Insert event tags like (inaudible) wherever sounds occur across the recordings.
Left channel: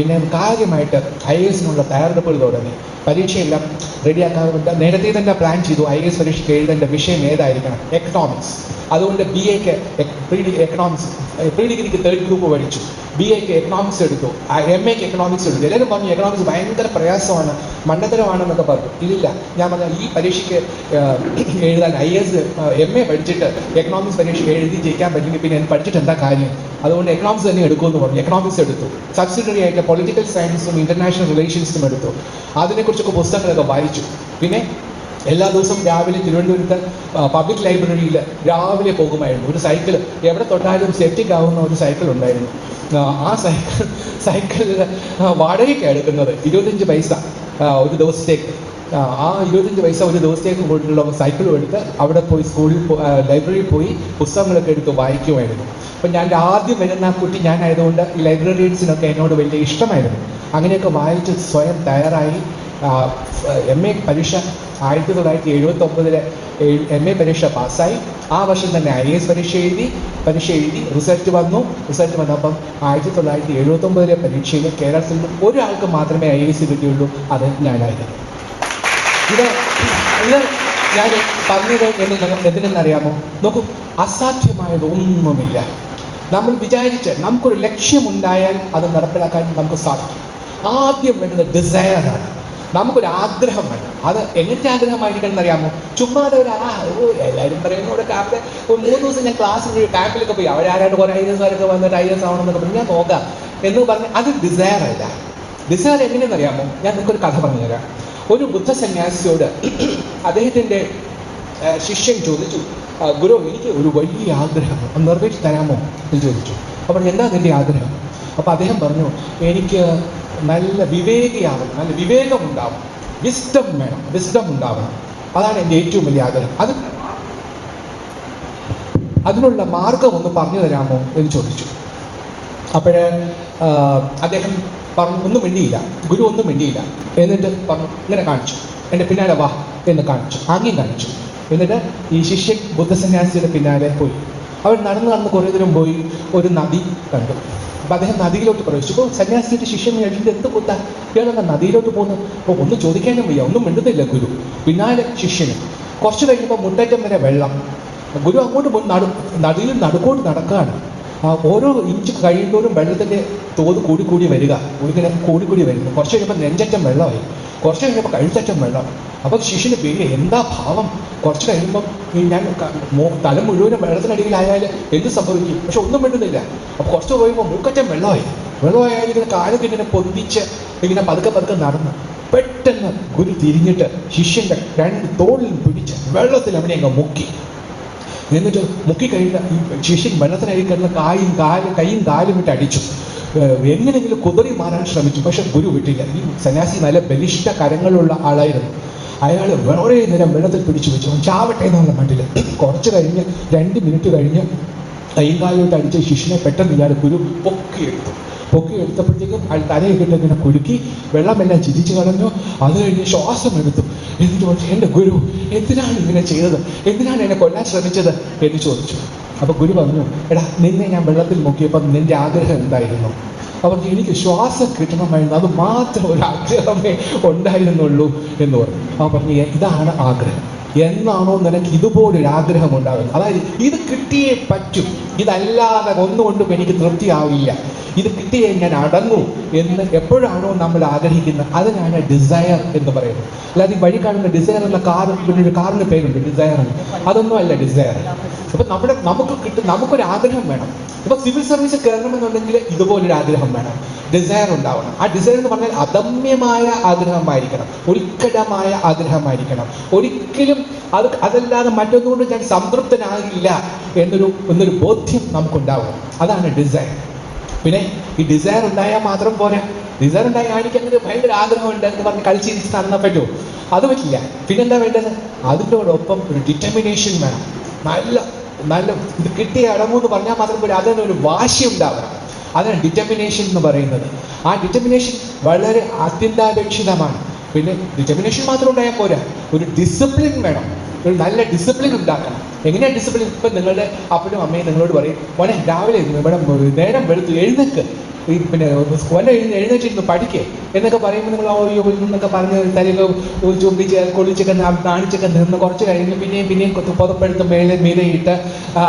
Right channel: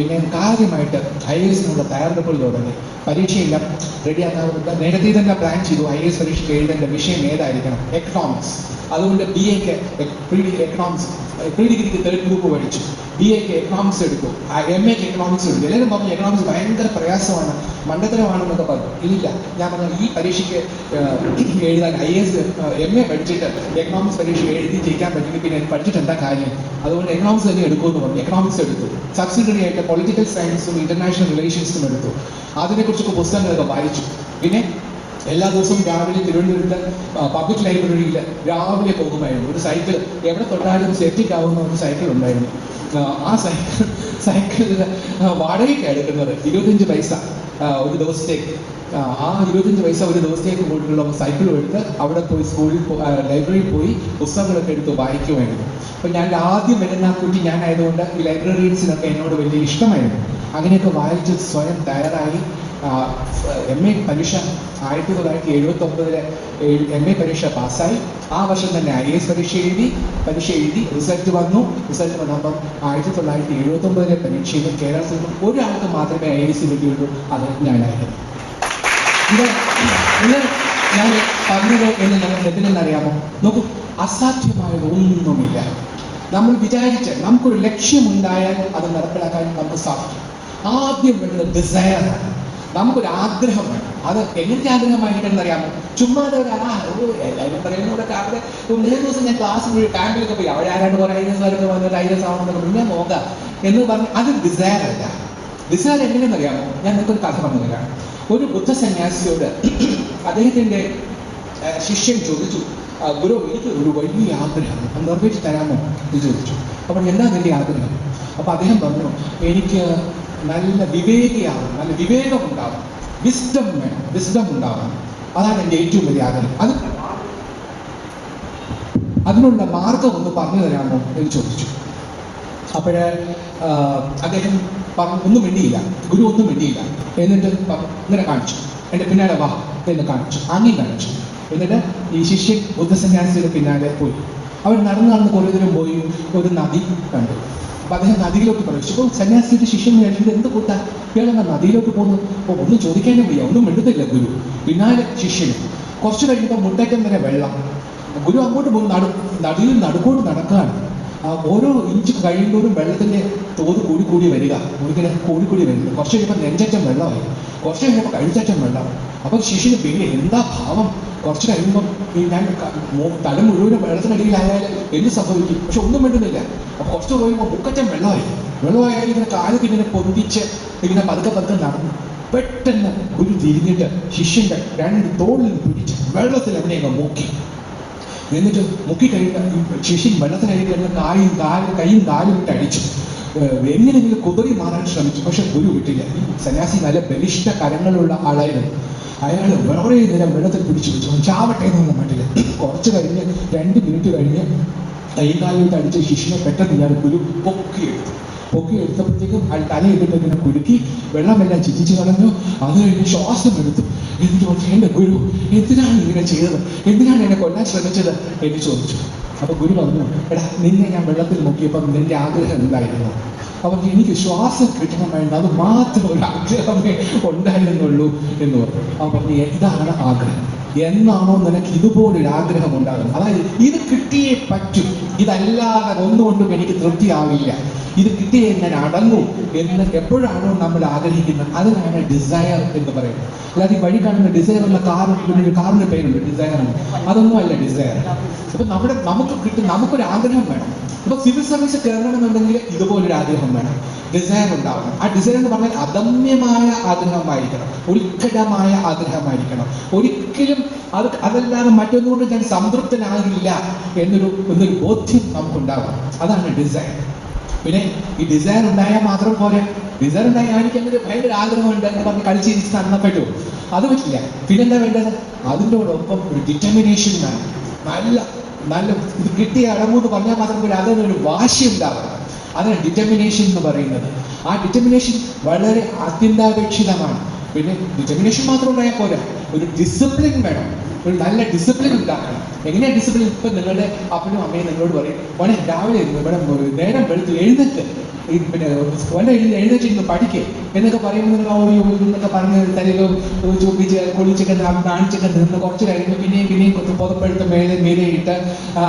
പിന്നെ കാര്യമായിട്ട് ഐ എസിനുള്ള തയ്യാറെടുപ്പുകൾ തുടങ്ങി. പരീക്ഷയെല്ലാം. റെഡിയാക്കാറുണ്ട് നേരത്തെ തന്നെ പ്ലാൻ ചെയ്തു. ഐ എസ് പരീക്ഷയ്ക്ക് എഴുതേണ്ട വിഷയം ഏതായിരിക്കണം? എക്കണോമിക്സ് അതുകൊണ്ട് B ec pre economics pre ഡിഗ്രിക്ക് തേർഡ് ഗ്രൂപ്പ് പഠിച്ചു. ബി എക്ക് എക്കണോമിക്സ് എടുത്തു. എം എക്ക് എക്കണോമിക്സ് എടുത്തു. എല്ലാവരും പറഞ്ഞു എക്കണോമിക്സ് ഭയങ്കര പ്രയാസമാണ്. മണ്ടത്തരമാണെന്നൊക്കെ പറഞ്ഞു. ഇല്ല. ഞാൻ പറഞ്ഞു ഈ പരീക്ഷയ്ക്ക് എഴുതാൻ ഐ എസ് എം എ പഠിച്ചിട്ട് എക്കണോമിക്സ് പരീക്ഷ എഴുതി ജയിക്കാൻ പറ്റില്ല പിന്നെ പഠിച്ചിട്ട് എന്താ കാര്യം? അതുകൊണ്ട് എക്കണോമിക്സ് തന്നെ എടുക്കുമെന്ന് പറഞ്ഞു. എക്കണോമിക്സ് എടുത്തു. സബ്സിഡറി ആയിട്ട് പൊളിറ്റിക്കൽ സയൻസും ഇന്റർനാഷണൽ റിലേഷൻസും എടുത്തു. അതിനെക്കുറിച്ചൊക്കെ പുസ്തകങ്ങളൊക്കെ വായിച്ചു. പിന്നെ എല്ലാ ദിവസവും രാവിലെ തിരുവനന്തപുരത്ത് പബ്ലിക് ലൈബ്രറിയിൽ രാവിലെ പോകുമായിരുന്നു. ഒരു സൈക്കിൾ എവിടെ തൊട്ടാലും സെറ്റിക് ആവുന്ന ഒരു സൈക്കിൾ ഉണ്ടായിരുന്നു. ആ, സൈക്കിൾ സൈക്കിളിൽ വാടകയ്ക്ക് എടുക്കുന്നത്. ഇരുപത്തഞ്ച് പൈസ ഒരു ദിവസത്തേക്ക്. ആ, ഇരുപത്തഞ്ച് പൈസ ഒരു ദിവസത്തേക്ക് പോയിട്ടുള്ള സൈക്കിൾ എടുത്ത് അവിടെ പോയി സ്കൂളിൽ ലൈബ്രറിയിൽ പോയി പുസ്തകങ്ങളൊക്കെ എടുത്ത് വായിക്കുമായിരുന്നു. അപ്പം ഞാൻ ആദ്യം വരുന്ന കുട്ടി ഞാനായതുകൊണ്ട് ഈ ലൈബ്രറീസിനൊക്കെ എന്നോട് വലിയ ഇഷ്ടമായിരുന്നു. അങ്ങനെയൊക്കെ വായിച്ച് സ്വയം തയ്യാറായി. എം എ പരീക്ഷ ആയിരത്തി തൊള്ളായിരത്തി എഴുപത്തി ഒമ്പതിലെ എം എ പരീക്ഷ പാസ്സായി. ആ വർഷം തന്നെ ഐ എസ് പരീക്ഷ എഴുതി പരീക്ഷ എഴുതി റിസൾട്ട് വന്നു. റിസൾട്ട് വന്നപ്പം ആയിരത്തി തൊള്ളായിരത്തി എഴുപത്തി ഒമ്പതിലെ പരീക്ഷയിൽ കേരളത്തിൽ ഒരാൾക്ക് മാത്രമേ ഐ എസ് കിട്ടിയുള്ളൂ. അത് ഞാനായിരുന്നു. ഇത് ഇത് ഞാൻ പറഞ്ഞത് എന്ന് നമുക്ക് എന്തിനെന്നറിയാമോ? നോക്കൂ അസാധ്യമായത് ഒന്നുമില്ല. നമ്മൾ വിചാരിച്ച് നമുക്കൊരു ലക്ഷ്യമുണ്ടായാൽ അത് നടപ്പിലാക്കാൻ നമുക്ക് സാധിക്കും. ആദ്യം വേണ്ടത് ഡിസയറാണ് നമുക്കൊരു ആഗ്രഹം വേണം. അത് എങ്ങനത്തെ ആഗ്രഹമായിരിക്കണം അറിയാമോ ചുമ്മാതെ ഒരു ആ എല്ലാവരും പറയുന്ന ഇവിടെ രാവിലെ ഒരു മൂന്ന് ദിവസം ഞാൻ ക്ലാസ്സിൽ ക്യാമ്പിലൊക്കെ പോയി. ആരാണ്ട് കുറെ ആരൊക്കെ വന്നിട്ട് ഐരസ് ആവണമെന്നൊക്കെ എന്നൊക്കെ ഞാൻ നോക്കാം. എന്ന് പറഞ്ഞ് അത് ഡിസയർ അല്ല. ഡിസയർ എങ്ങനെയെന്ന് അറിയാമോ ഞാൻ നിങ്ങൾക്കൊരു കഥ പറഞ്ഞു തരാം. ഒരു ബുദ്ധ സന്യാസിയോട് (clears throat) അദ്ദേഹത്തിന്റെ ശിഷ്യൻ ചോദിച്ചു "ആ, ഗുരു എനിക്ക് ഒരു വലിയ ആഗ്രഹം. നിറവേറ്റി തരാമോ എന്ന് ചോദിച്ചു. അപ്പോൾ എന്താ നിന്റെ ആഗ്രഹം? അപ്പൊ അദ്ദേഹം പറഞ്ഞു എനിക്ക് നല്ല വിവേകിയാവണം നല്ല വിവേകം ഉണ്ടാവണം വിസ്ഡം വേണം വിസ്ഡം ഉണ്ടാവണം. അതാണ് എന്റെ ഏറ്റവും വലിയ ആഗ്രഹം. അത് അതിനുള്ള മാർഗം ഒന്ന് പറഞ്ഞു തരാമോ എന്ന് ചോദിച്ചു. അപ്പോഴ് അദ്ദേഹം പറഞ്ഞു ഒന്നും മിണ്ടിയില്ല ഗുരു ഒന്നും മിണ്ടിയില്ല. എന്നിട്ട് ഇങ്ങനെ കാണിച്ചു. എന്റെ പിന്നാലെ വാ എന്ന് കാണിച്ചു അങ്ങി കാണിച്ചു. എന്നിട്ട് ഈ ശിഷ്യൻ ബുദ്ധസന്യാസിയുടെ പിന്നാലെ പോയി. അവൻ നടന്ന് നടന്ന് കുറേ ദൂരം പോയി ഒരു നദി കണ്ടു. അപ്പൊ അദ്ദേഹം നദിയിലോട്ട് പ്രവേശിച്ചു. അപ്പൊ സന്യാസിയുടെ ശിഷ്യൻ കഴിഞ്ഞിട്ട് എന്ത് കൂട്ടാ? ഇയാളെന്താ നദിയിലോട്ട് പോകുന്നു? അപ്പോൾ ഒന്നും ചോദിക്കാനും വയ്യ. ഒന്നും മിണ്ടുന്നില്ല ഗുരു. പിന്നാലെ ശിഷ്യന്. കുറച്ച് കഴിയുമ്പോൾ മുട്ടേറ്റം വരെ വെള്ളം. ഗുരു അങ്ങോട്ട് പോകുന്ന നടു നദിയിൽ നടുക്കോട്ട് നടക്കുകയാണ് ആ ഓരോ ഇഞ്ച് കഴിയുമ്പോഴും വെള്ളത്തിന്റെ തോത് കൂടി കൂടി വരിക. ഒഴുകിനെ കൂടി കൂടി വരുന്നു. കുറച്ച് കഴിയുമ്പോൾ നെഞ്ചറ്റം വെള്ളമായി. കുറച്ച് കഴിയുമ്പോൾ കഴുത്തറ്റം വെള്ളമായി. അപ്പൊ ശിഷ്യന് പേര് എന്താ ഭാവം? കുറച്ച് കഴിയുമ്പോൾ ഞാൻ തല മുഴുവനും വെള്ളത്തിനടിയിലായാൽ എന്ത് സംഭവിക്കും? പക്ഷെ ഒന്നും വേണ്ടുന്നില്ല അപ്പൊ കുറച്ച് പോയപ്പോൾ മൂക്കറ്റം വെള്ളമായി. വെള്ളമായാൽ ഇങ്ങനെ കാലത്ത് ഇങ്ങനെ പൊന്തിച്ച് ഇങ്ങനെ പതുക്കെ പതുക്കെ നടന്നു പെട്ടെന്ന് ഗുരു തിരിഞ്ഞിട്ട് ശിഷ്യന്റെ രണ്ട് തോളിൽ പിടിച്ച് വെള്ളത്തിൽ അവനെ അങ്ങ് മുക്കി. എന്നിട്ട് മുക്കിക്കഴിഞ്ഞ ശിഷ്യൻ വെള്ളത്തിനടി കിടന്ന കായും കാലും കൈയും കാലും ഇട്ട് അടിച്ചു. എങ്ങനെങ്കിലും കുതിറി മാറാൻ ശ്രമിച്ചു. പക്ഷെ ഗുരു വിട്ടില്ല. ഈ സന്യാസി നല്ല ബലിഷ്ഠ കരങ്ങളുള്ള ആളായിരുന്നു. അയാൾ വളരെ നേരം വെള്ളത്തിൽ പിടിച്ചു വെച്ചു. ചാവട്ടെ എന്നുള്ള മട്ടിൽ കുറച്ച് കഴിഞ്ഞ് രണ്ട് മിനിറ്റ് കഴിഞ്ഞ് കൈകാലിട്ട് അടിച്ച ശിഷ്യനെ പെട്ടെന്ന് ഇയാൾ ഗുരു പൊക്കിയെടുത്തു. പൊക്കി എടുത്തപ്പോഴത്തേക്കും അയാൾ തലയൊക്കെ ഇങ്ങനെ കുലുക്കി വെള്ളമെല്ലാം ചിരിച്ചു കളഞ്ഞു. അത് കഴിഞ്ഞ് ശ്വാസം എടുത്തു. എന്നിട്ട് പറഞ്ഞു എന്റെ ഗുരു എന്തിനാണ് ഇങ്ങനെ ചെയ്തത്? എന്തിനാണ് എന്നെ കൊല്ലാൻ ശ്രമിച്ചത്? എന്ന് ചോദിച്ചു. അപ്പൊ ഗുരു പറഞ്ഞു എടാ നിന്നെ ഞാൻ വെള്ളത്തിൽ നോക്കിയപ്പോൾ നിന്റെ ആഗ്രഹം എന്തായിരുന്നു? അവർക്ക് എനിക്ക് ശ്വാസം കിട്ടണമായിരുന്നു. അത് മാത്രം ഒരു ആഗ്രഹമേ ഉണ്ടായിരുന്നുള്ളൂ എന്ന് പറഞ്ഞു. അവൻ പറഞ്ഞു ഇതാണ് ആഗ്രഹം. എന്നാണോ നിനക്ക് ഇതുപോലൊരു ആഗ്രഹം ഉണ്ടാകുന്നത് അതായത് ഇത് കിട്ടിയേ പറ്റൂ. ഇതല്ലാതെ ഒന്നുകൊണ്ടും എനിക്ക് തൃപ്തിയാവില്ല. ഇത് കിട്ടിയേ ഞാൻ അടങ്ങൂ എന്ന് എപ്പോഴാണോ നമ്മൾ ആഗ്രഹിക്കുന്നത്. അതിനാണ് ഡിസയർ എന്ന് പറയുന്നത്. അല്ലാതെ ഈ വഴി കാണുന്ന ഡിസയർ എന്ന പിന്നെ ഒരു കാറിന് പേരുണ്ട് ഡിസയർ എന്ന്. അതൊന്നും അല്ല ഡിസയർ അപ്പൊ നമ്മുടെ നമുക്ക് കിട്ടും നമുക്കൊരു ആഗ്രഹം വേണം. ഇപ്പൊ സിവിൽ സർവീസ് കയറണമെന്നുണ്ടെങ്കിൽ ഇതുപോലൊരു ആഗ്രഹം വേണം. ഡിസയർ ഉണ്ടാവണം. ആ ഡിസയർ എന്ന് പറഞ്ഞാൽ അദമ്യമായ ആഗ്രഹമായിരിക്കണം. ഒരിക്കലമായ ആഗ്രഹമായിരിക്കണം. ഒരിക്കലും അത് അതല്ലാതെ മറ്റൊന്നുകൊണ്ട് ഞാൻ സംതൃപ്തനാകില്ല എന്നൊരു എന്നൊരു ബോധ്യം നമുക്കുണ്ടാവണം. അതാണ് ഡിസൈൻ പിന്നെ ഈ ഡിസൈൻ ഉണ്ടായാൽ മാത്രം പോരാ. ഡിസൈൻ ഉണ്ടായാൽ എനിക്ക് അങ്ങനെ ഭയങ്കര ആഗ്രഹമുണ്ട് എന്ന് പറഞ്ഞ് കളിച്ചിരിച്ച് നടന്നാൽ പറ്റുമോ അത് പറ്റില്ല. പിന്നെന്താ വേണ്ടത്? അതിനോടൊപ്പം ഒരു ഡിറ്റർമിനേഷൻ വേണം. നല്ല നല്ല ഇത് കിട്ടിയ അടങ്ങൂന്ന് പറഞ്ഞാൽ മാത്രം പോരാ. അതിനൊരു വാശി ഉണ്ടാവണം. അതാണ് ഡിറ്റർമിനേഷൻ എന്ന് പറയുന്നത്. ആ ഡിറ്റർമിനേഷൻ വളരെ അത്യന്താപേക്ഷിതമാണ്. പിന്നെ ഡിറ്റർമിനേഷൻ മാത്രം ഉണ്ടായാൽ പോരാ. ഒരു ഡിസിപ്ലിൻ വേണം. ഒരു നല്ല ഡിസിപ്ലിൻ ഉണ്ടാക്കണം. എങ്ങനെയാണ് ഡിസിപ്ലിൻ ഇപ്പൊ നിങ്ങളുടെ അപ്പനും അമ്മയും നിങ്ങളോട് പറയും മോനെ രാവിലെ ഇവിടെ നേരം വെളുത്ത് എഴുന്നേക്ക് പിന്നെ ഓന്റെ എഴുതി എഴുന്നേറ്റിരുന്നു പഠിക്കേ. എന്നൊക്കെ പറയുമ്പോൾ നിങ്ങൾ ഓയോ എന്നൊക്കെ പറഞ്ഞ് തലയിൽ ചൂപ്പിച്ച് കൊള്ളിച്ചൊക്കെ കാണിച്ചൊക്കെ നിന്ന് കുറച്ച് കഴിഞ്ഞ് പിന്നെയും പിന്നെയും പുതപ്പെടുത്ത് മേലെ മേലെ ഇട്ട്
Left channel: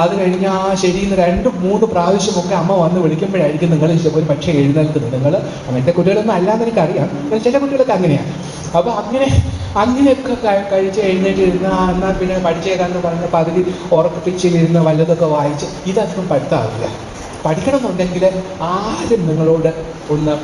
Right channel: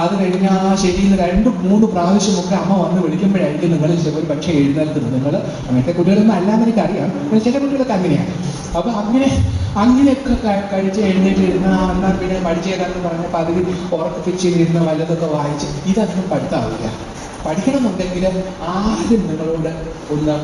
അത് കഴിഞ്ഞ് ആ ശരിയെന്ന് രണ്ട് മൂന്ന് പ്രാവശ്യമൊക്കെ അമ്മ വന്ന് വിളിക്കുമ്പോഴായിരിക്കും നിങ്ങൾ ഒരു പക്ഷേ എഴുന്നേൽക്കുന്നത്. നിങ്ങൾ അങ്ങനത്തെ കുട്ടികളൊന്നും അല്ലാന്ന് എനിക്കറിയാം. ചില കുട്ടികളൊക്കെ അങ്ങനെയാണ് അപ്പൊ അങ്ങനെ അങ്ങനെയൊക്കെ കഴിച്ച് എഴുന്നേറ്റ് ഇരുന്ന് എന്നാൽ പിന്നെ പഠിച്ചേതാന്ന് പറഞ്ഞ് പകുതി ഉറപ്പിച്ച് ഇരുന്ന് വല്ലതൊക്കെ വായിച്ച് ഇതൊന്നും പഠിത്താവില്ല. പഠിക്കണമെന്നുണ്ടെങ്കിൽ ആദ്യം നിങ്ങളോട് ഒന്ന്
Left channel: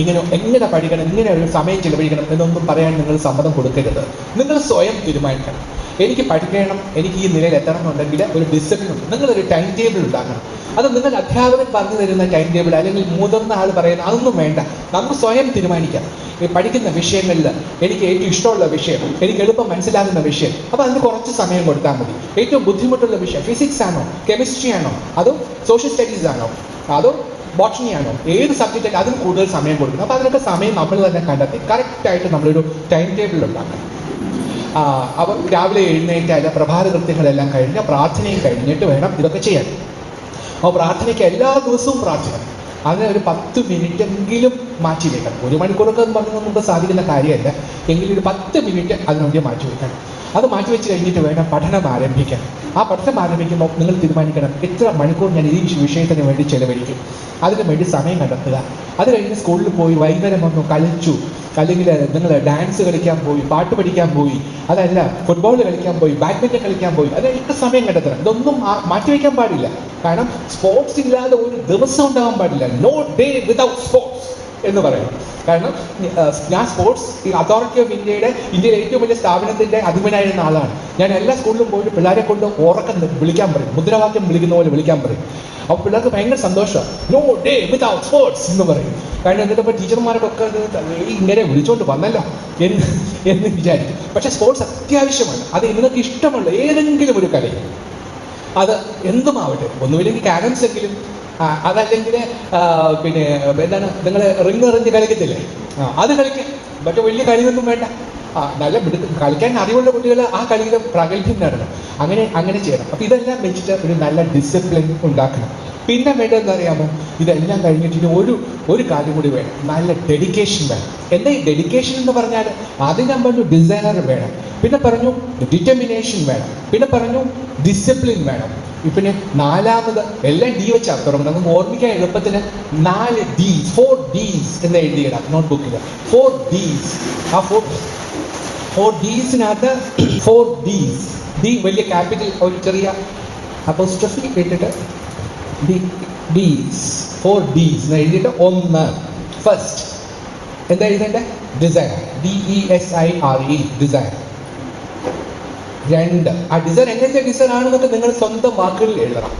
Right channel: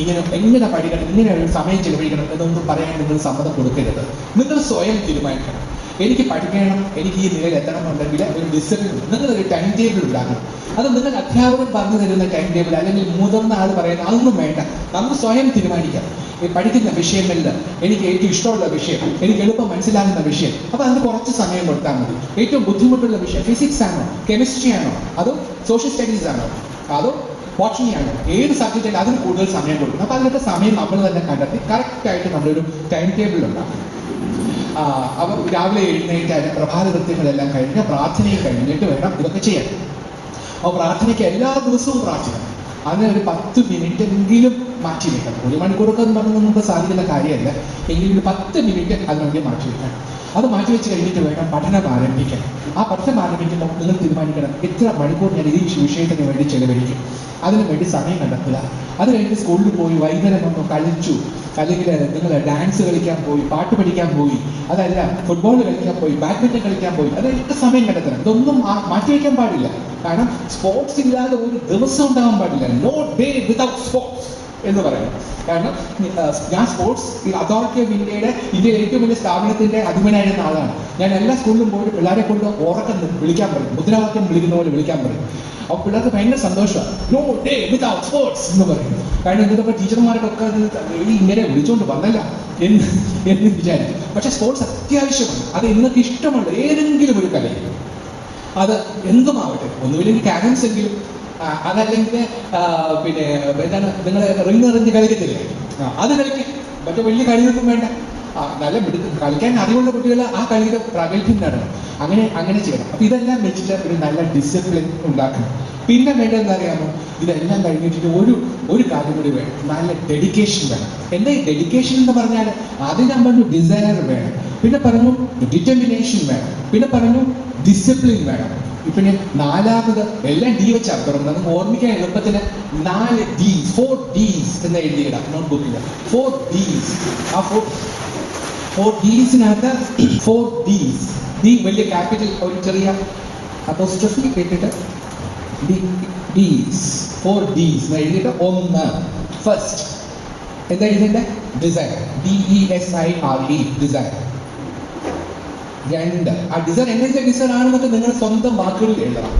ഇങ്ങനെ എങ്ങനെ പഠിക്കണം ഇങ്ങനെ ഒരു സമയം ചിലവഴിക്കണം എന്നൊന്നും പറയാൻ നിങ്ങൾ സമ്മതം കൊടുക്കരുത്. നിങ്ങൾ സ്വയം തീരുമാനിക്കണം. എനിക്ക് പഠിക്കണം എനിക്ക് ഈ നിലയിൽ എത്തണം എന്നുണ്ടെങ്കിൽ ഒരു ഡിസിപ്ലിൻ ഉണ്ട്. നിങ്ങളൊരു ടൈം ടേബിൾ ഉണ്ടാക്കണം. അത് നിങ്ങൾ അധ്യാപകൻ പറഞ്ഞു തരുന്ന ടൈം ടേബിൾ അല്ലെങ്കിൽ മുതിർന്ന ആൾ പറയുന്ന അതൊന്നും വേണ്ട. നമുക്ക് സ്വയം തീരുമാനിക്കാം പഠിക്കുന്ന വിഷയങ്ങളിൽ എനിക്ക് ഏറ്റവും ഇഷ്ടമുള്ള വിഷയം എനിക്ക് എളുപ്പം മനസ്സിലാകുന്ന വിഷയം അപ്പൊ അതിന് കുറച്ച് സമയം കൊടുത്താൽ മതി. ഏറ്റവും ബുദ്ധിമുട്ടുള്ള വിഷയം ഫിസിക്സ് ആണോ കെമിസ്ട്രി ആണോ അതോ സോഷ്യൽ സ്റ്റഡീസ് ആണോ അതോ ബോട്ടണി ആണോ ഏത് സബ്ജക്റ്റ് അതിന് കൂടുതൽ സമയം കൊടുക്കണം. അപ്പൊ അതിനൊക്കെ സമയം നമ്മൾ തന്നെ കണ്ടെത്തി. കറക്റ്റ് ആയിട്ട് നമ്മളൊരു ടൈം ടേബിൾ ഉണ്ടാക്കണം. അവർ രാവിലെ എഴുന്നേറ്റാൽ പ്രഭാത കൃത്യങ്ങളെല്ലാം കഴിഞ്ഞ് പ്രാർത്ഥനയും കഴിഞ്ഞിട്ട് വേണം ഇതൊക്കെ ചെയ്യാൻ. അപ്പോൾ പ്രാർത്ഥനയ്ക്ക് എല്ലാ ദിവസവും പ്രാർത്ഥന. അങ്ങനെ ഒരു പത്ത് മിനിറ്റ് എങ്കിലും മാറ്റി വെക്കണം. ഒരു മണിക്കൂറൊക്കെ എന്ന് പറഞ്ഞാൽ നമുക്ക് സാധിക്കുന്ന കാര്യമല്ല. എങ്കിലും ഒരു പത്ത് മിനിറ്റ് അതിനുവേണ്ടി മാറ്റി വെക്കണം. അത് മാറ്റി വെച്ച് കഴിഞ്ഞിട്ട് വേണം പഠനം ആരംഭിക്കാൻ. ആ പഠനം ആരംഭിക്കുമ്പോൾ നിങ്ങൾ തീരുമാനിക്കണം എത്ര മണിക്കൂർ ഞാൻ ഈ വിഷയത്തിന് വേണ്ടി ചെലവഴിക്കും. അതിനു വേണ്ടി സമയം കണ്ടെത്തുക. അത് കഴിഞ്ഞ് സ്കൂളിൽ പോയി വൈകുന്നേരം വന്നു കളിച്ചു. അല്ലെങ്കിൽ നിങ്ങൾ ഡാൻസ് കളിക്കാൻ പോയി പാട്ട് പഠിക്കാൻ പോയി അതല്ല ഫുട്ബോൾ കളിക്കാൻ പോയി ബാഡ്മിന്റൺ കളിക്കാൻ പോയി അതൊക്കെ സമയം കണ്ടെത്തണം? ഇതൊന്നും മാറ്റി മാറ്റിവെക്കാൻ പാടില്ല. കാരണം സ്പോർട്സ് ഇല്ലാതെ ഒരു ദിവസം ഉണ്ടാവാൻ പാടില്ല. നോ ഡേ വിതൗട്ട് സ്പോർട്സ് എന്ന് പറയും. കാരണം ഞാൻ സ്പോർട്സ് ഈ അതോറിറ്റി ഓഫ് ഇന്ത്യയുടെ ഇന്ത്യയിലെ ഏറ്റവും വലിയ സ്ഥാപനത്തിന്റെ അധിപനായിരുന്ന ആളാണ്. ഞാൻ എല്ലാ സ്കൂളിലും പോയിട്ട് പിള്ളേരെ കൊണ്ട് ഉറക്കം വിളിക്കാൻ പറയും. മുദ്രാവാക്യം വിളിക്കുന്ന പോലെ വിളിക്കാൻ പറയും. അപ്പോൾ പിള്ളേർക്ക് ഭയങ്കര സന്തോഷമാണ്. നോ ഡേ വിതൗട്ട് സ്പോർട്സ് എന്ന് പറയും. കാരണം എന്നിട്ട് ടീച്ചർമാരുടെ ഒക്കെ ഇങ്ങനെ വിളിച്ചുകൊണ്ട് വന്നല്ല. എന്ന് എന്ന് വിചാരിക്കും. പക്ഷെ സ്പോർട്സ് അത്യാവശ്യമാണ്. അത് നിങ്ങൾക്ക് ഇഷ്ടമുള്ള ഏതെങ്കിലും ഒരു കലയിൽ അത് എന്തുമാവട്ടെ. ഒന്നുമില്ലെങ്കിൽ കാരംസ് എങ്കിലും അതല്ലെങ്കിൽ പിന്നെ എന്താണ് നിങ്ങൾ റിങ് എറിഞ്ഞ് കളിക്കത്തില്ലേ? അത് കളിക്കും. മറ്റു വലിയ കളിയൊന്നും വേണ്ട. നല്ല കളിക്കാൻ അറിവുള്ള കുട്ടികൾ ആ കളിയുടെ പ്രാഗൽഭ്യം നേടണം അങ്ങനെ അങ്ങനെ ചെയ്യണം. അപ്പൊ ഇതെല്ലാം വെച്ചിട്ട് ഒരു നല്ല ഡിസിപ്ലിൻ ഉണ്ടാക്കണം. പിന്നെ വേണ്ടത് എന്താ അറിയാമോ? ഇതെല്ലാം കഴിഞ്ഞിട്ട് ഒരു ഒരു കാര്യം കൂടി വേണം. നല്ല ഡെഡിക്കേഷൻ വേണം. എന്താ ഈ ഡെഡിക്കേഷൻ എന്ന് പറഞ്ഞാൽ ആദ്യം ഞാൻ പറഞ്ഞു ഡിസൈനർ വേണം. പിന്നെ പറഞ്ഞു ഡിറ്റർമിനേഷൻ വേണം. പിന്നെ പറഞ്ഞു ഡിസിപ്ലിൻ വേണം. പിന്നെ നാലാമത് എല്ലാം ഡി വെച്ച് അർത്ഥം നമുക്ക് ഓർമ്മിക്കാൻ എളുപ്പത്തിന് നാല് ഡീസ് ഫോർ ഡീസ് എന്ന് എഴുതിയിടാം. നോട്ട് ബുക്കിൽ ഫോർ ഡീസ് ആ ഫോർ ഫോർ ഡീസിനകത്ത് ഫോർ ഡീസ് ഡി വലിയ ക്യാപിറ്റൽ ഒരു ചെറിയ അപ്പോസ്ട്രഫി കേട്ടിട്ട് ഡി ഡീസ് ഫോർ ഡീസ് എന്ന് എഴുതിയിട്ട് ഒന്ന്. ഫസ്റ്റ് എന്താ എഴുതേണ്ടത് design D E S I R E design രണ്ട്. ആ ഡിസൈൻ എങ്ങനത്തെ ഡിസൈൻ ആണെന്നൊക്കെ നിങ്ങൾ സ്വന്തം വാക്കുകളിൽ എഴുതണം.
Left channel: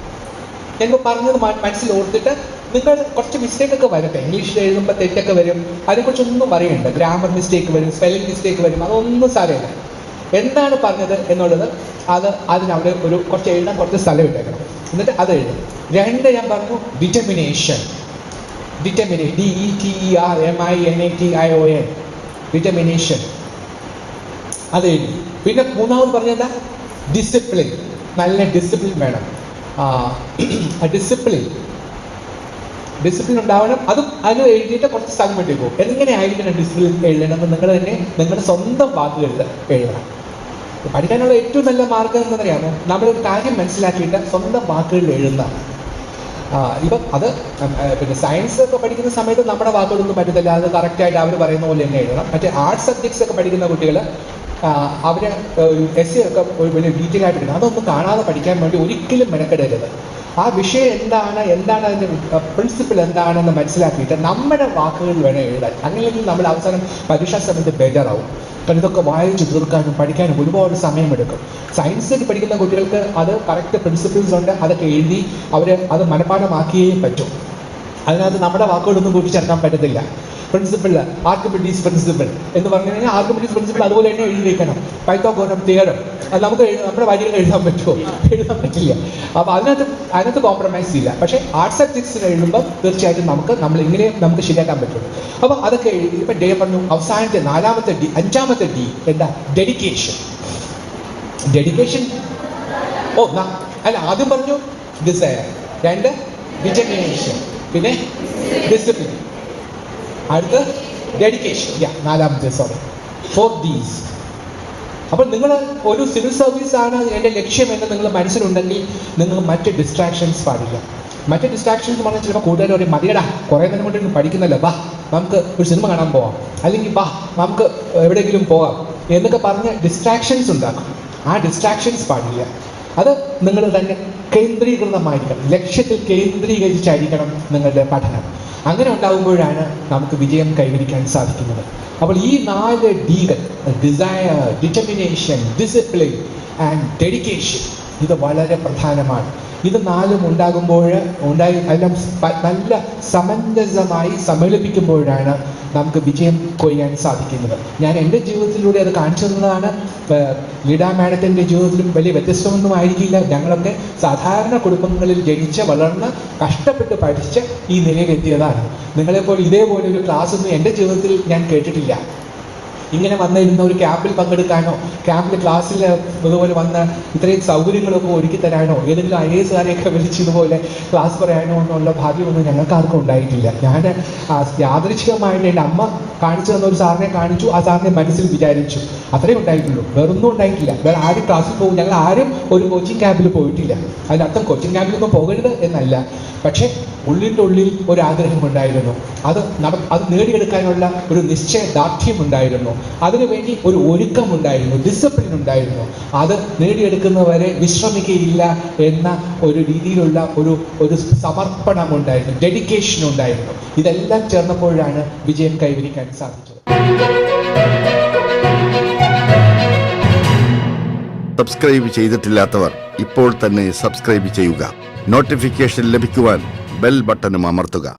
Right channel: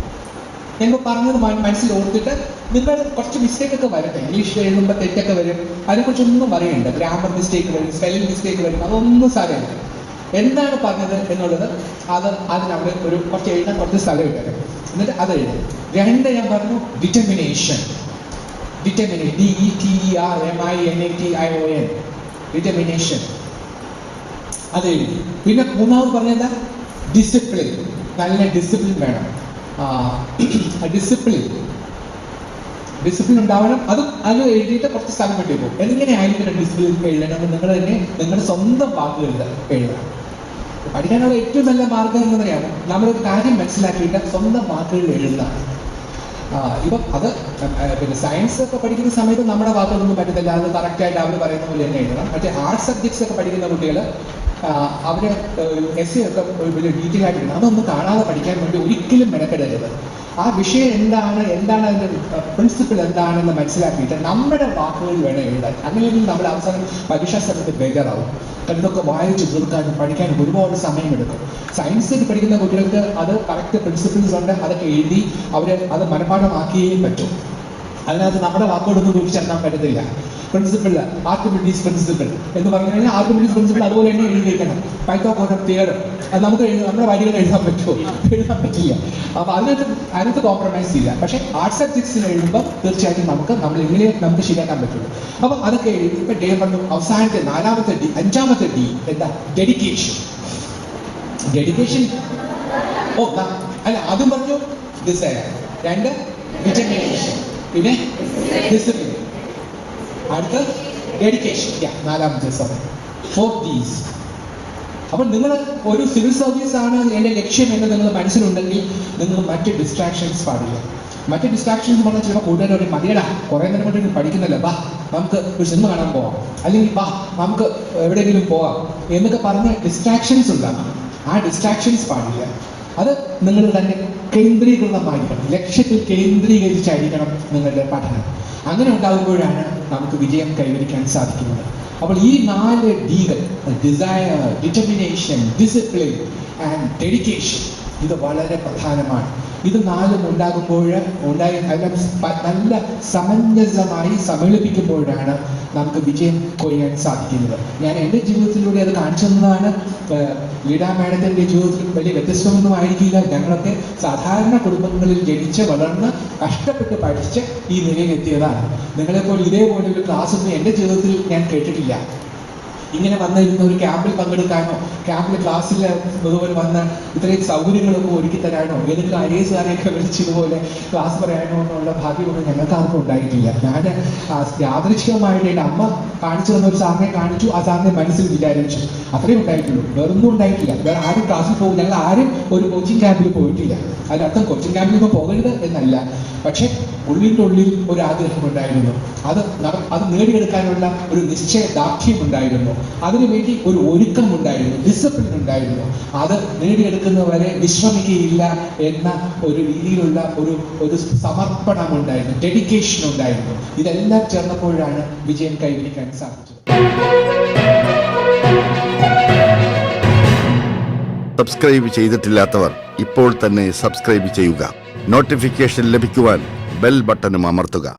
ഞങ്ങൾ പറഞ്ഞത് മനസ്സിൽ ഓർത്തിട്ട് നിങ്ങൾ കുറച്ച് മിസ്റ്റേക്ക് ഒക്കെ വരട്ടെ. ഇംഗ്ലീഷിൽ എഴുതുമ്പോൾ തെറ്റൊക്കെ വരും. അതിനെക്കുറിച്ചൊന്നും പറയണ്ട. ഗ്രാമർ മിസ്റ്റേക്ക് വരും സ്പെല്ലിംഗ് മിസ്റ്റേക്ക് വരും. അതൊന്നും സാരമില്ല. എന്താണ് പറഞ്ഞത് എന്നുള്ളത് അത് അതിനവിടെ ഒരു കുറച്ച് എഴുതാൻ കുറച്ച് സ്ഥലം ഇട്ടേക്കണം എന്നിട്ട് അത് എഴുതും. രണ്ട് ഞാൻ പറഞ്ഞു determination determine D E T R M I N A T I O N determination അത്. എഴുതി പിന്നെ മൂന്നാമത് പറഞ്ഞെന്താ ഡിസിപ്ലിൻ നല്ല ഡിസിപ്ലിൻ വേണം. ഡിസിപ്ലിൻ ഡിസിപ്ലിൻ ഉണ്ടാവണം. അതും അത് എഴുതിയിട്ട് കുറച്ച് സ്ഥലം വേണ്ടി പോകും. എങ്ങനെയായിരിക്കണം ഡിസിപ്ലിൻ എഴുതണം? നിങ്ങൾ തന്നെ നിങ്ങളുടെ സ്വന്തം വാക്കുകളിൽ എഴുതണം. പഠിക്കാനുള്ള ഏറ്റവും നല്ല മാർഗം എന്ന് പറയാമോ നമ്മളൊരു കാര്യം മനസ്സിലാക്കിയിട്ട് സ്വന്തം വാക്കുകളിൽ ആ, ഇപ്പം അത് പിന്നെ സയൻസ് ഒക്കെ പഠിക്കുന്ന സമയത്ത് നമ്മുടെ വാക്കുകളൊന്നും പറ്റത്തില്ല. അത് കറക്റ്റ് ആയിട്ട് അവർ പറയുന്ന പോലെ തന്നെ എഴുതണം. മറ്റേ ആർട്സ് സബ്ജക്ട്സ് ഒക്കെ പഠിക്കുന്ന കുട്ടികൾ അവരെ എസ് ഒക്കെ ഒരു വലിയ ഡീറ്റെയിൽ ആയിട്ട് അതൊന്നും കാണാതെ പഠിക്കാൻ വേണ്ടി ഒരിക്കലും മെനക്കെടരുത്. ആ വിഷയം എന്താണ് എന്താണ് അതിന്റെ പ്രിൻസിപ്പിൾ എന്താണെന്ന് മനസ്സിലാക്കിയിട്ട് നമ്മുടെ വാക്കുകൾ വേണം എഴുതാൻ. അങ്ങനെയെങ്കിൽ നമ്മൾ അവസാനം പരീക്ഷാ സമയത്ത് ബെറ്ററാവും കാരണം ഇതൊക്കെ വായിച്ച് തീർക്കാനും പഠിക്കാനും ഒരുപാട് സമയമെടുക്കും. സയൻസിൽ പഠിക്കുന്ന കുട്ടികൾക്ക് അത് കറക്റ്റ് പ്രിൻസിപ്പിൾസ് ഉണ്ട് അതൊക്കെ എഴുതി അവർ അത് മനഃപാഠമാക്കിയേ പറ്റും. അതിനകത്ത് നമ്മുടെ വാക്കുകളൊന്നും കൂട്ടിച്ചേർക്കാൻ പറ്റത്തില്ല. പ്രിൻസിപ്പിൾ ആർക്കിമിഡീസ് പ്രിൻസിപ്പിൾ എന്ന് പറഞ്ഞു കഴിഞ്ഞാൽ ആർക്കിമിഡീസ് പ്രിൻസിപ്പിൾ അതുപോലെ തന്നെ എഴുതി വയ്ക്കണം പൈത്തോഗോനം തിയറും അത് നമുക്ക് നമ്മുടെ വരികൾ എഴുതാൻ പറ്റുമോ? എഴുതാൻ പറ്റില്ല. അപ്പൊ അതിനകത്ത് അതിനകത്ത് കോംപ്രമൈസ് ഇല്ല. പക്ഷേ ആർട്സ് സബ്ജക്ട്സിന് എഴുതുമ്പോൾ തീർച്ചയായിട്ടും നമുക്ക് നമ്മൾ ഇങ്ങനെ നമുക്ക് ശരിയാക്കാൻ പറ്റുള്ളൂ അപ്പൊ അതൊക്കെ എഴുതി ഇപ്പൊ ഡേ പറഞ്ഞു അവസാനത്തെ നാലാമത്തെ ഡി അഞ്ചാമത്തെ ഡി എന്താ? ഡെഡിക്കേഷൻ ഡെഡിക്കേഷൻ ഓ അല്ല ആദ്യം പറഞ്ഞു ഡിസയർ രണ്ട് ഡിറ്റർമിനേഷൻ പിന്നെ ഡിസിപ്ലിൻ അടുത്ത് ഡെഡിക്കേഷൻ നാലാമത്തെ സോറി ഫോർ ദീസ് അപ്പോൾ നിങ്ങൾ ഒരു സിവിൽ സർവീസ് ആണ് എന്റെ ലക്ഷ്യം എന്ന് നിങ്ങൾ മനസ്സിലുണ്ടെങ്കിൽ നിങ്ങൾ മറ്റ് ഡിസ്ട്രാക്ഷൻസ് പാടില്ല. മറ്റ് ഡിസ്ട്രാക്ഷൻസ് പറഞ്ഞാൽ ചിലപ്പോൾ കൂടുതൽ പറയും മതിയടാ കുറേ നേരം കൊണ്ട് പഠിക്കുന്നല്ലോ വാ നമുക്ക് ഒരു സിനിമ കാണാൻ പോവാം. അല്ലെങ്കിൽ വാ നമുക്ക് എവിടെയെങ്കിലും പോവാം. എന്നൊക്കെ പറഞ്ഞ് ഡിസ്ട്രാക്ഷൻസ് ഉണ്ടാകും ആ ഡിസ്ട്രാക്ഷൻസ് പാടില്ല. അത് നിങ്ങൾ തന്നെ കേന്ദ്രീകൃതമായിരിക്കണം. ലക്ഷ്യത്തിൽ കേന്ദ്രീകരിച്ചായിരിക്കണം നിങ്ങളുടെ പഠനം. അങ്ങനെ ഉണ്ടാകുമ്പോഴാണ് നമുക്ക് വിജയം കൈവരിക്കാൻ സാധിക്കുന്നത്. അപ്പോൾ ഈ നാല് ഡികൾ desire determination discipline and dedication ഇത് വളരെ പ്രധാനമാണ്. ഇത് നാലും ഉണ്ടാകുമ്പോൾ ഉണ്ടായി നല്ല നല്ല സമഞ്ജസമായി സമ്മേളിപ്പിക്കുമ്പോഴാണ് നമുക്ക് വിജയം കൊയ്യാൻ സാധിക്കുന്നത്. ഞാൻ എന്റെ ജീവിതത്തിലൂടെ അത് കാണിച്ചു തന്നതാണ് ലീഡാ മാഡത്തിന്റെ ജീവിതത്തിലും വലിയ വ്യത്യസ്തമൊന്നും ആയിരിക്കില്ല. ഞങ്ങളൊക്കെ സാധാരണ കുടുംബങ്ങളിൽ ജനിച്ച് വളർന്ന് കഷ്ടപ്പെട്ട് പഠിച്ച് ഈ നിലയിലെത്തിയതാണ്. നിങ്ങളെപ്പോലെ ഇതേപോലെ ഒരു ക്ലാസ് ഒന്നും എന്റെ ജീവിതത്തിൽ ഞാൻ കേട്ടിട്ടില്ല. ഇങ്ങനെ വന്നിരുന്ന ഒരു ക്യാമ്പിൽ പങ്കെടുക്കാനോ ക്യാമ്പിൽ ക്ലാസ്സിൽ ഇതുപോലെ വന്ന് ഇത്രയും സൗകര്യങ്ങളൊക്കെ ഒരുക്കി തരാനോ ഏതെങ്കിലും ഐ എസ് വിളിച്ചതുപോലെ ക്ലാസ് പറയാനോ എന്നുള്ള ഭാഗ്യമൊന്നും ഞങ്ങൾക്ക് ആർക്കും ഉണ്ടായിട്ടില്ല. ഞാൻ ആ, യാദൃച്ഛികമായിട്ട് എന്റെ അമ്മ കാണിച്ചു തന്ന ഒരു സാറിനെ കാണിച്ചു ആ സാറിനെ മനസ്സിൽ വിചാരിച്ചു. അത്രേ ഉണ്ടായിട്ടുള്ളൂ. വേറൊന്നും ഉണ്ടായിട്ടില്ല. വേറെ ആരും ക്ലാസ്സിൽ പോകും ഞങ്ങൾ ആരും ഒരു കോച്ചിങ് ക്യാമ്പിൽ പോയിട്ടില്ല. അതിനർത്ഥം കോച്ചിങ് ക്യാമ്പിലൊന്നും പോകരുത് എന്നല്ല. പക്ഷേ ഉള്ളിന്റെ ഉള്ളിൽ ഒരു ആഗ്രഹം ഉണ്ടായിരുന്നു. അത് അത് നേടിയെടുക്കാനുള്ള ഒരു നിശ്ചയ ദാർഢ്യം ഉണ്ടായിരുന്നു. അതിനുവേണ്ടി ഒരു ഒരുക്കം ഉണ്ടായിരുന്നു ഡിസിപ്ലിൻ ഉണ്ടായിരുന്നു. അത് നേടിയെടുക്കുന്നവരെ വിശ്രമിക്കുകയില്ല എന്ന ഒരു രീതിയിലുള്ള ഒരു ഒരു സമർപ്പണം ഉണ്ടായിരുന്നു ഡെഡിക്കേഷൻ ഉണ്ടായിരുന്നു. ഇതെല്ലാം ചേർന്നപ്പോഴാണ് വിജയം കൈവരിക്കാൻ സാധിച്ചത്. സബ്സ്ക്രൈബ് ചെയ്തിട്ടില്ലാത്തവർ ഇപ്പോൾ തന്നെ സബ്സ്ക്രൈബ് ചെയ്യുക. നോട്ടിഫിക്കേഷൻ ലഭിക്കുവാൻ ബെൽ ബട്ടണും അമർത്തുക.